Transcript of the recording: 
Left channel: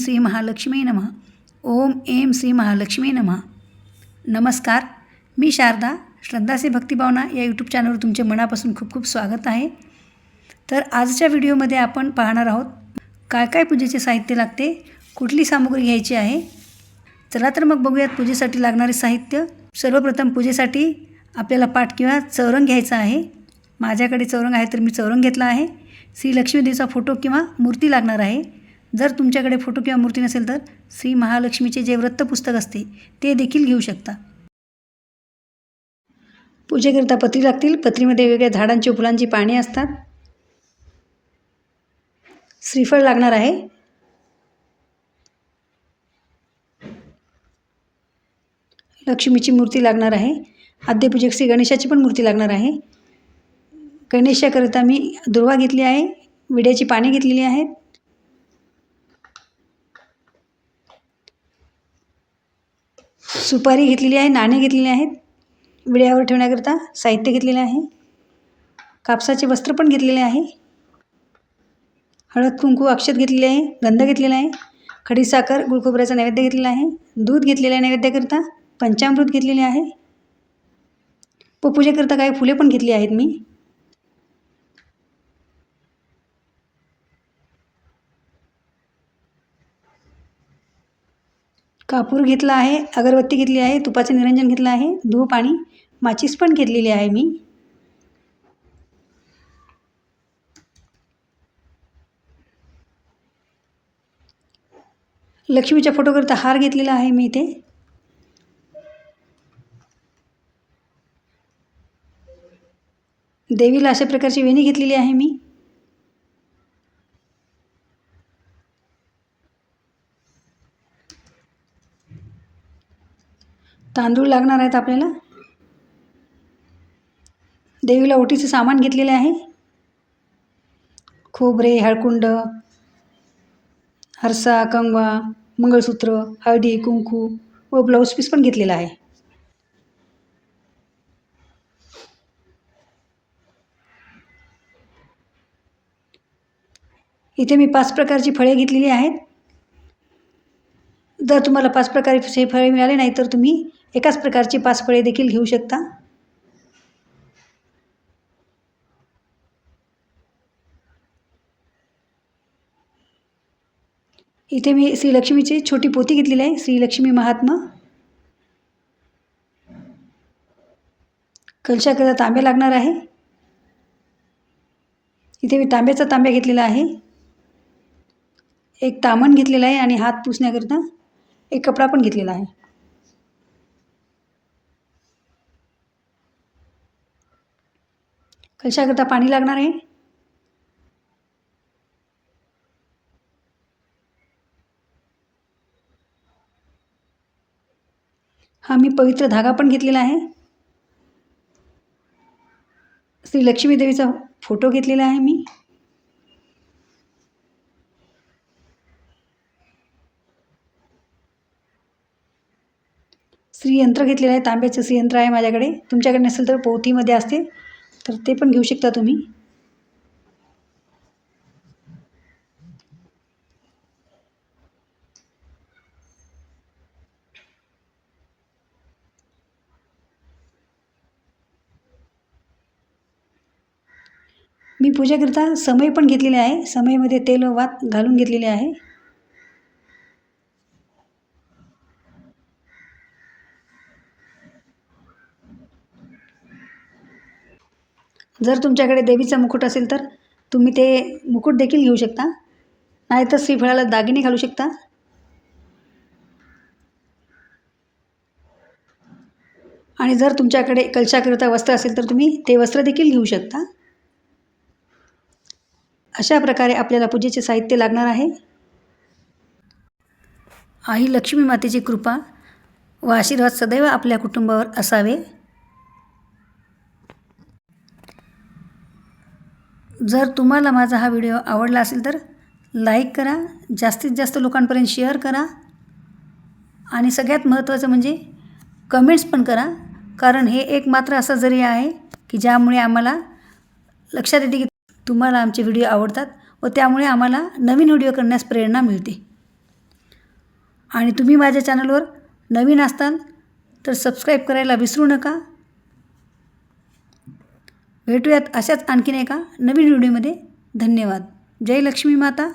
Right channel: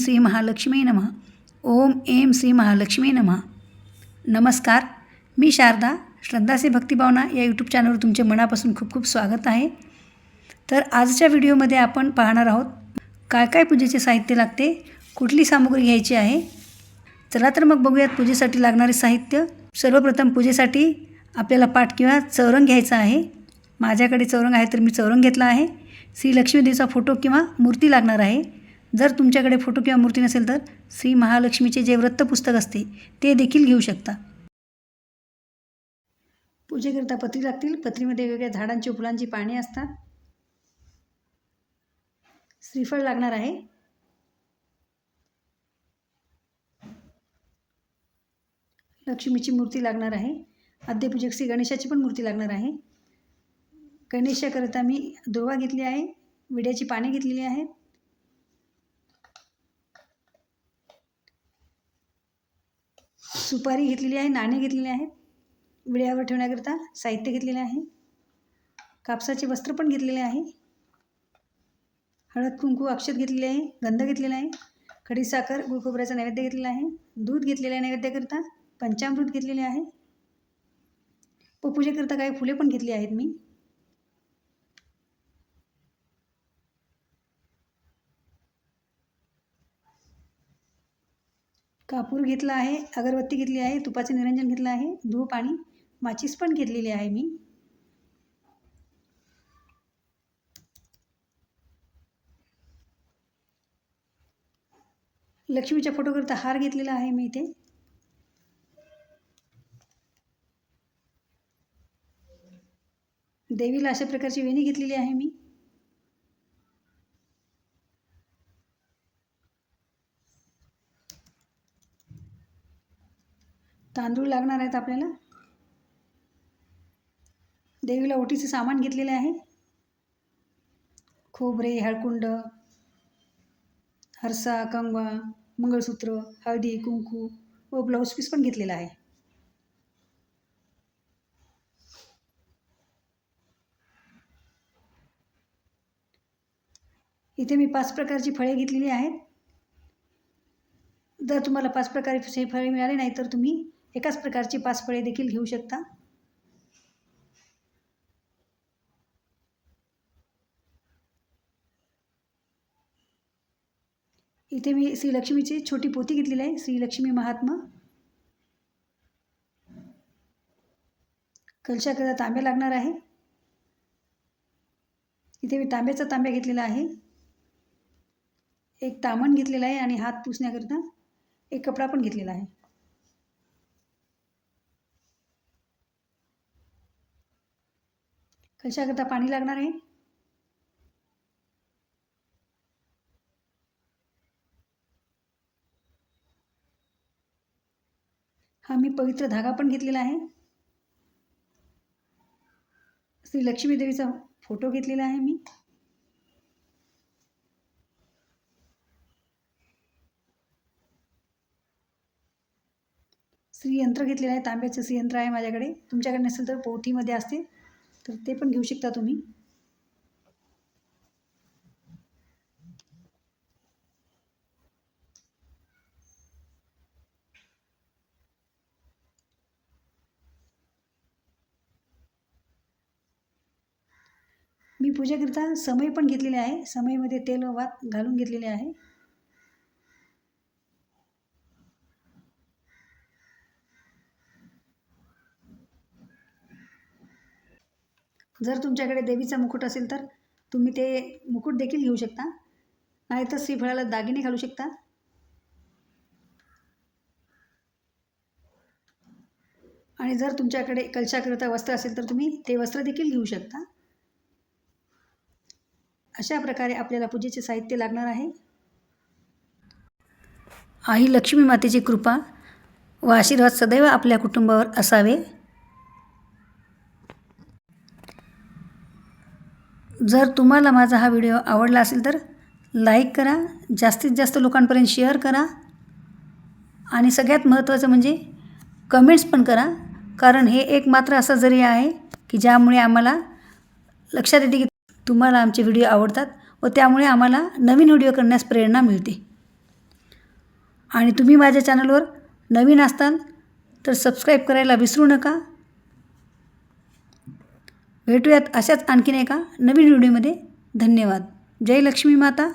श्री महालक्ष्मी नमः. ओम एम श्री महालक्ष्मी नमः. नमस्कार मी शारदा श्रद्धासे भक्तिभावना या यूट्यूब चॅनलवर तुमचे मनापासून खूप खूप स्वागत आहे. तर आजच्या व्हिडिओमध्ये आपण पाहणार आहोत काय काय पूजेचे साहित्य लागते कुठली सामग्री घ्यायची आहे? चला तर मग बघूयात पूजेसाठी लागणारे साहित्य. सर्वप्रथम पूजेसाठी आपल्याला पाठ किंवा चौरंग घ्यायचा आहे. माझ्याकडे चौरंग आहे तर मी चौरंग घेतला आहे. श्री लक्ष्मीदेवीचा फोटो किंवा मूर्ती लागणार आहे. जर तुमच्याकडे फोटो किंवा मूर्ती नसेल तर श्री महालक्ष्मीचे जे वृत्तपुस्तक असते ते देखील घेऊ शकता. पूजेकरिता पत्री लागतील. पत्रीमध्ये वेगवेगळ्या झाडांची फुलांची पाने असतात. श्रीफळ लागणार आहे. लक्ष्मीची मूर्ती लागणार आहे. आद्यपूजक श्री गणेशाची पण मूर्ती लागणार आहे. गणेशाकरिता मी दुर्वा घेतली आहे. विड्याची पाने घेतलेली आहेत. सुपारी घेतलेली आहे नाणे घेतलेले आहेत विड्यावर ठेवण्याकरिता साहित्य घेतलेले आहे कापसाचे वस्त्र पण घेतलेले आहे हळद कुंकू अक्षत घेतलेले आहे गंध घेतलेला आहे खडीसाखर गुळखोबऱ्याचा नैवेद्य घेतलेला आहे दूध घेतलेलं आहे नैवेद्याकरिता पंचामृत घेतलेले आहे व पूजेकरिता काही फुले पण घेतली आहेत मी. कापूर घेतला आहे अगरबत्ती घेतली आहे तुपाचं निरंजन घेतलं आहे धूप आणि माचीस पण घेतलेली आहे मी. लक्ष्मीच्या फोटोकरिता हार घेतलेला आहे मी इथे. देवीला अशा प्रकारची वेणी घेतलेली आहे मी. तांदूळ लागणार आहेत आपल्याला? देवीला ओटीचं सामान घेतलेले आहे. खोबरे हळकुंड हरसा कंगवा मंगळसूत्र हळदी कुंकू व ब्लाऊज पीस पण घेतलेला आहे. इथे मी पाच प्रकारची फळे घेतलेली आहेत. जर तुम्हाला पाच प्रकारचे फळे मिळाले नाही तर तुम्ही एकाच प्रकारची पाच फळे देखील घेऊ शकता. इथे मी श्रीलक्ष्मीची छोटी पोती घेतलेली आहे. श्रीलक्ष्मी महात्मा. कलशाकरिता तांबे लागणार आहे. इथे मी तांब्याचा तांब्या घेतलेला आहे. एक तामण घेतलेला आहे आणि हात पुसण्याकरिता एक कपडा पण घेतलेला आहे. कशाकरता पाणी लागणार आहे? हा मी पवित्र धागा पण घेतलेला आहे. श्री लक्ष्मीदेवीचा फोटो घेतलेला आहे मी. श्रीयंत्र घेतलेलं आहे तांब्याचं श्रीयंत्र आहे माझ्याकडे. तुमच्याकडे नसेल तर पोथीमध्ये असते तर ते पण घेऊ शकता तुम्ही. मी पूजेकरिता समय पण घेतलेले आहे. समयमध्ये तेल वात घालून घेतलेले आहे. जर तुमच्याकडे देवीचा मुकुट असेल तर तुम्ही ते मुकुट देखील घेऊ शकता. नाहीतर श्रीफळाला दागिने घालू शकता. आणि जर तुमच्याकडे कलशाकरिता वस्त्र असेल तर तुम्ही ते वस्त्र देखील घेऊ शकता. अशा प्रकारे आपल्याला पूजेचे साहित्य लागणार आहे. आई लक्ष्मी मातेची कृपा व आशीर्वाद सदैव आपल्या कुटुंबावर असावे. जर तुम्हाला माझा हा व्हिडिओ आवडला असेल तर लाईक करा जास्तीत जास्त लोकांपर्यंत शेअर करा आणि सगळ्यात महत्त्वाचं म्हणजे कमेंट्स पण करा. कारण हे एक मात्र असा जरी आहे की ज्यामुळे आम्हाला लक्षात येते की तुम्हाला आमचे व्हिडिओ आवडतात व त्यामुळे आम्हाला नवीन व्हिडिओ करण्यास प्रेरणा मिळते. आणि तुम्ही माझ्या चॅनलवर नवीन असताल तर सबस्क्राईब करायला विसरू नका. भेटूयात अशाच आणखीन एका नवीन व्हिडिओमध्ये. धन्यवाद. जय लक्ष्मी माता.